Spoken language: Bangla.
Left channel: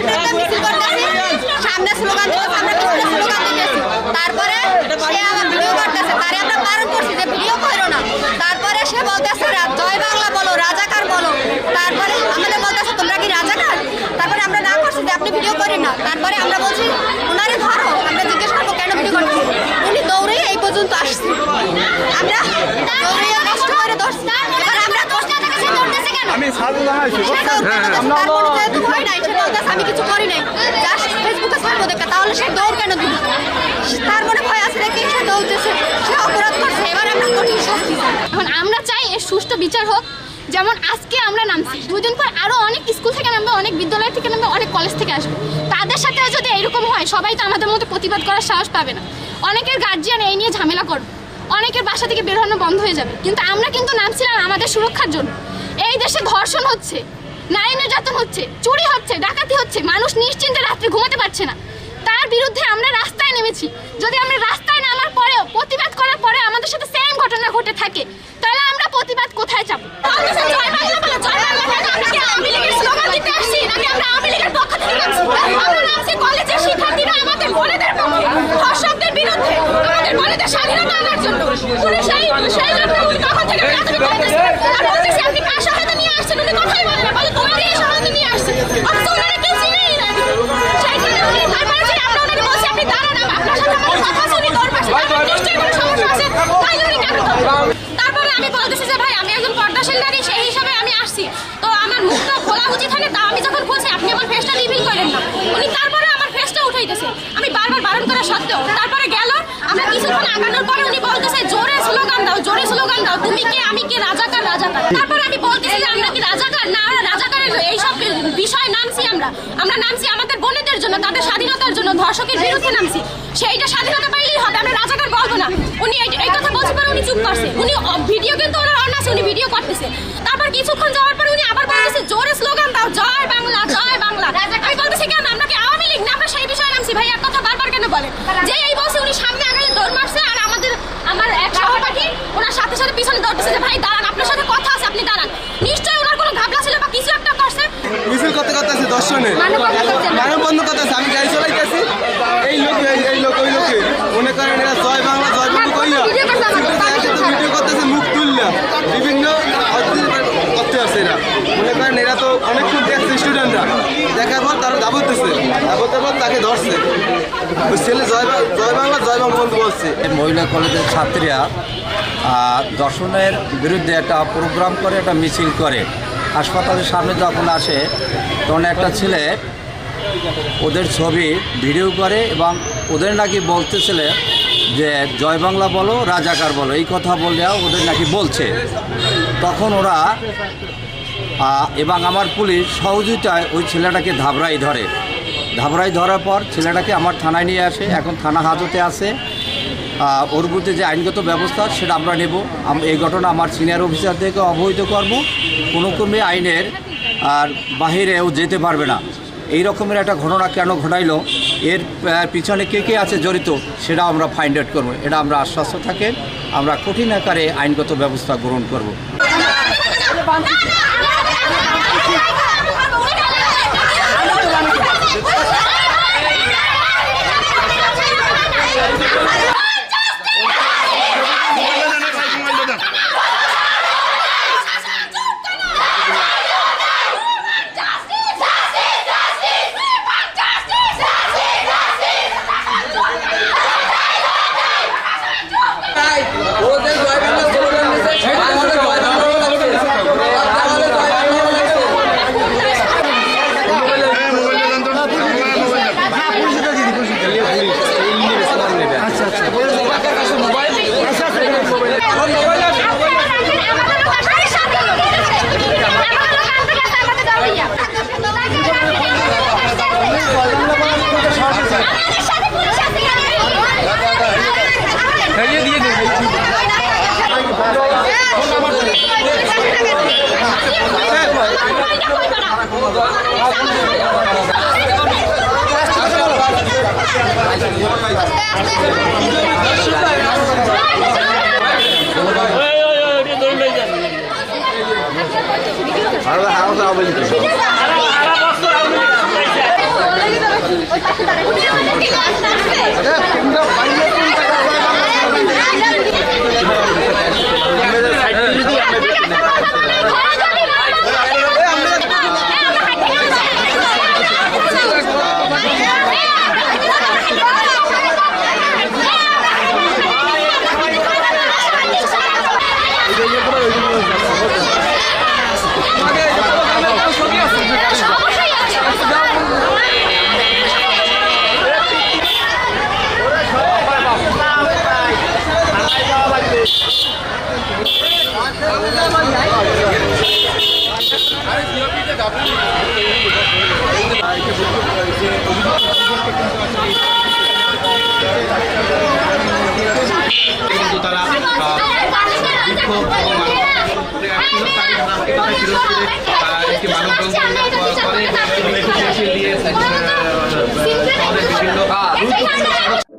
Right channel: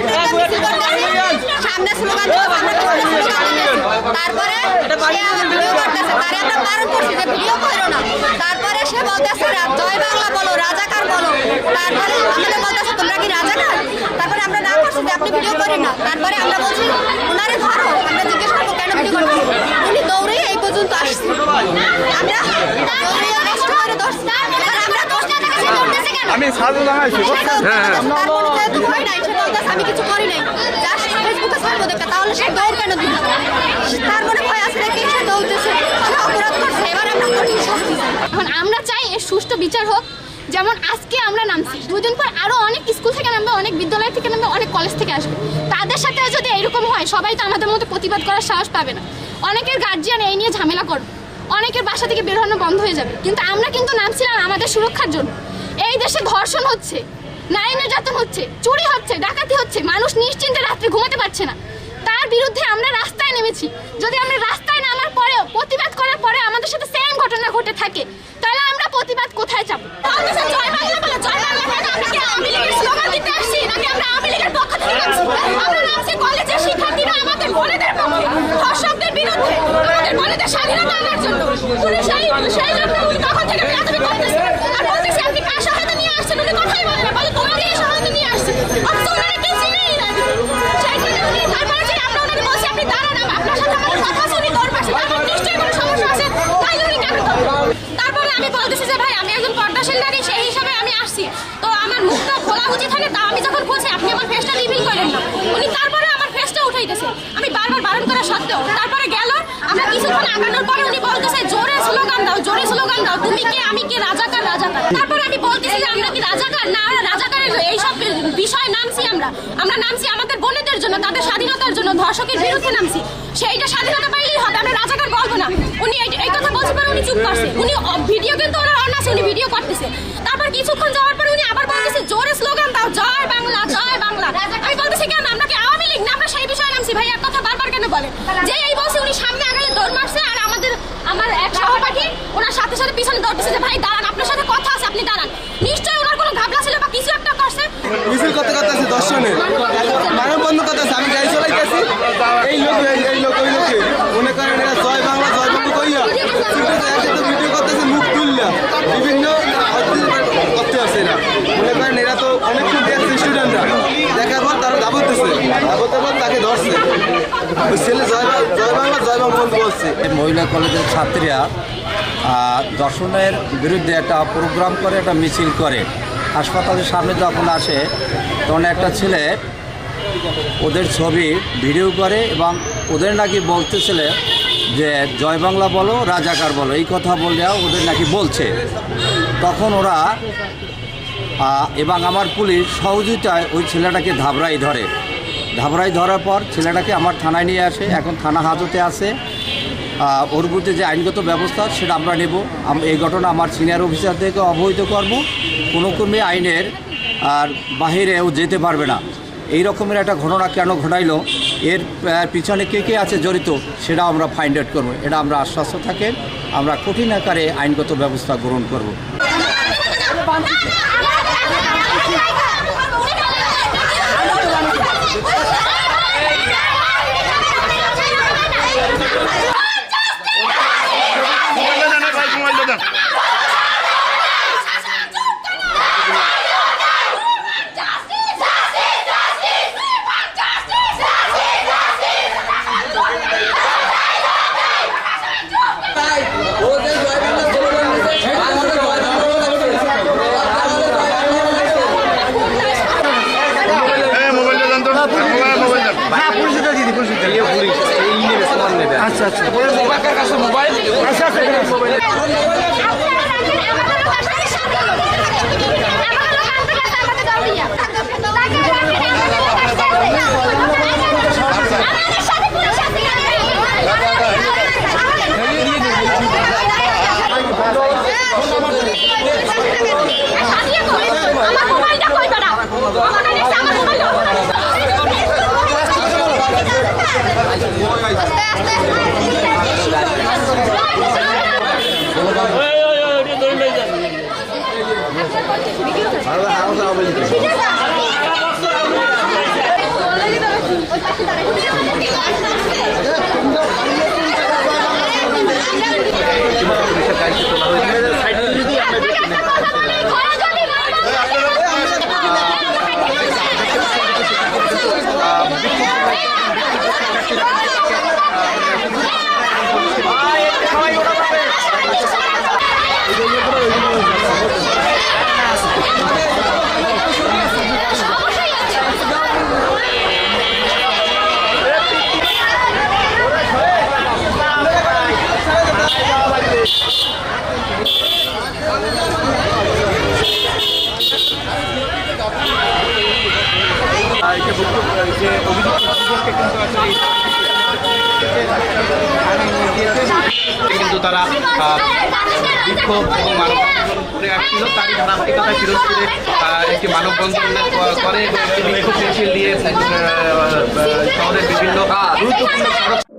একটা মিছিল করতেছি, সামনে স্লোগান দিতে, সামনে পিছনে স্লোগান দিতেছি। তারপরে সে আমার ভিডিও করতেছে, তারে আমরা বারণ করছি যে ভিডিও করো না। তারপরে সে বলতেছে জয় বাংলা বলো, রাজাকার বলো। তারপরে আমাদের বলতেছে তোমরা কি রাজাকার? তারপরে আমরা না করছি যে আপনি ভিডিও করেন না। তারপরে আমরা বলছি ওনারে ধরো, আমরা জিজ্ঞেস করবো কেন ভিডিও করতেছি। উনি দৌড়ে এই পর্যন্ত আসছে, আমরা দৌড়ে কষ্ট করে ধরছি। এবার আমরা দোষটা থেকে সে ধরতেছে কেন? আমি সাধু লাগাইছি। তারপরে যেহেতু ভয় নাই, সে বলতেছে আমি কিছু করি নাই, জাস্ট ফেসবুকে ছাড়বো দেখা। তাহলে সে দৌড় কেন দিল? তার মনে ভয় আছে নাকি সে দৌড়তেছে, সে অপরাধ করছে। এবার আমরা কঠিন শাস্তি চাই। এখন আমরা চাই এর সুষ্ঠু বিচার হোক। যেমন আজকে আমরা নামছি, 2 দিন পর আরো অনেক স্কুল থেকে নামবে, অনেক বিদ্যালয় থেকে নামবে, অনেক কলেজ থেকে আসবে। তাদের সাথে যদি এরকম হয়, সবাই তো আমাদের মতো প্রতিবাদ করার সাহস পাবে না। অনেকের গার্জিয়ান এই নিয়ে ঝামেলা করবে, অনেকের বাসা থেকে বের হনো বন্ধ হয়ে যাবে। কিন্তু আমরা কিন্তু নামছিলাম আমাদের সুরক্ষার জন্য। এই দেশে ধর্ষণ হচ্ছে, নারী নির্যাতন হচ্ছে, চুরি হচ্ছে, ডাকাতি হচ্ছে, মানুষ নিশ্চিন্তে রাত্রে ঘুমাতে পারছে না। তার বিরুদ্ধে আমরা রাস্তায় নেমেছি। যদি আমরা রাস্তায় নামার পরেও, প্রতিবাদ করার পরে আমাদের সাথে সেম ঘটনা ঘটে থাকে, তাহলে আমরা প্রতিবাদ কোথায় যাবো? জয় বাংলা বলো, জয় বাংলা কেন? আমরা কি আওয়ামী লীগের স্লোগান দিতে আসছি, নাকি আমরা আওয়ামী লীগের পক্ষ থেকে নামছি? আমরা নামছি কলেজের শিক্ষার্থীরা আমাদের বোনেদের পক্ষে, ধর্ষকদের বিরুদ্ধে, আমাদের বোনেদের স্বাধীনতা আনার জন্য। পুলিশ সেই জন্য উনি তখন থেকে প্রাথমিক করতেছে আর বলতেছে আপনি কার সহায়তা নিয়ে আসছেন? উনি কথাই বলে না, বলে তোমাদের এই সহায়তা নিয়ে আসছেন। অথচ ওনারা কেউ চিনেই না। সেইখানে উনি তারপরে যে আমরা ওনাকে বলছি আপনি দাঁড়ান, আপনার সাথে আমাদের কথা আছে, উনি দৌড় পাচ্ছে। তারপর নিশ্চয়ই কোনো সমস্যা আছে, তাইলে উনি কেন দৌড়? তারপরে আমি বলতেছি যে ভাই আমি একজন পর্দাশীল নারী, সেই হিসাবে আমি আসছি, তো আমার মুখটা খোলা উচিত হয় না? তা আমি যখন বলছি আপনি আমার ফেসটা রিভিল করেন না, উনি তারপরে আমার ফেসটা উঠাইতেছে। আমি বারবার বারণ করা সত্ত্বেও তারপরে গেল। আমরা কিছুক্ষণ আগানোর পরে উনি বলতেছে জোরে স্লোগান দাও, জোরে স্লোগান দাও, তুমি কে আমি কে, রাজাকার রাজাকার। তারপরে আমি বলতেছি যে আমরা কি রাজাকার? না, রাজাকারের এইসব বিষয় নামছি আমরা নামছি আমাদের বোনেদের জন্য, তাদের স্বাধীনতার জন্য, ধর্ষকের বিরুদ্ধে নামছি। সেইটা স্বাধীনতা পাইলেই হবে, আমরা রাজাকার বলবো না। উনি এই কথা বলতে পারে, উনি চুপ করছে। উনি ভিডিও কিন্তু ওনার অন আছে, উনি ভিডিও করতেছে। তারপর কিছুক্ষণ যাওয়ার পরে উনি আবার বলতেছে জোরে স্লোগান দাও, জয় বাংলা, জয় বাংলা। আমি বলতেছি কেন, আমরা কি আওয়ামী লীগ না? আমরা সেই বিষয়ে নামছি। ভাই এক কথা বারবার কেন বলেন? যে এই বলছে উনি সামনে আগে দৌড় মারছে, আর আমার এক সহপাঠী ওনার সাথে সাথে পিছনে দৌড়তেছে যে ভাই দাঁড়ান, আপনার সাথে কথা আছে, আপনি দাঁড়ান। নিশ্চয়ই ওনার কোনো ঘাবলা ছিল বা কিছু একটা করছে। মিছিল করতে করতে আছে দর্শনে মানববন্ধন করতে আছে। আমি গাড়ি চালাইতেছি, এই লোক ওই লোকে মনে করেন এরা জয় বাংলা জয় বাংলা কইয়া ভিডিও করতেছে, মুখ তুললা বিভিন্ন করতে আসছে। এরা মনে করেন এরা তো অনেকক্ষণ দেখছে, স্টুডেন্টরা দেখার পর তারা দাবতেছে, দাবতের পর তাকে ধরছে। ওই ছেলে জয় বাংলা জয় বাংলা বলছে। মহিলা কলেজের ছাত্রীরা দর্শনের বিরুদ্ধে একটা প্রোগ্রাম করে, একটা মিছিল করে। হাসপাতালের সামনে যখন আসে তখন একটা ছেলে ওদের ছবি ভিডিও করে এবং ওদের নাকি বলতেছিল যে জয় বাংলা বলো, রাজাকার বলো, এই কথা বলে ওদের নাকি বলছে। তখন ওরা এবং আমার পুলিশ সহযোগিতায় ওই ছেলেটাকে ধাবরাই ধরার পর ছেলেটাকে আমার থানায় নিয়ে আসে। এখন থানা হাজতে আছে। ওর বিরুদ্ধে যে আইনগত ব্যবস্থা সেটা আমরা নেব। এই ঘটনা আমার সিনিয়র অফিসারদেরকে অবহিত করব। কোনো ক্রমে আইনের আর বাহিরেও যেতে পারবে না। এই রকমের একটা ঘটনা কেন ঘটাইলো, এর পিছনে কে আছে জড়িত, সেটা আমরা ফাইন্ড আউট করবো। এটা আমরা আশ্বস্ত থাকেন, আমরা কঠিন আকারে আইনগত ব্যবস্থা গ্রহণ করব। তারা বিক্ষোভ এবং ছিল তারই ধারাবাহিকতায় পিরোজপুরে একটি মানববন্ধন করে মিছিল দিয়ে শহরের বিভিন্ন গুরুত্বপূর্ণ সড়ক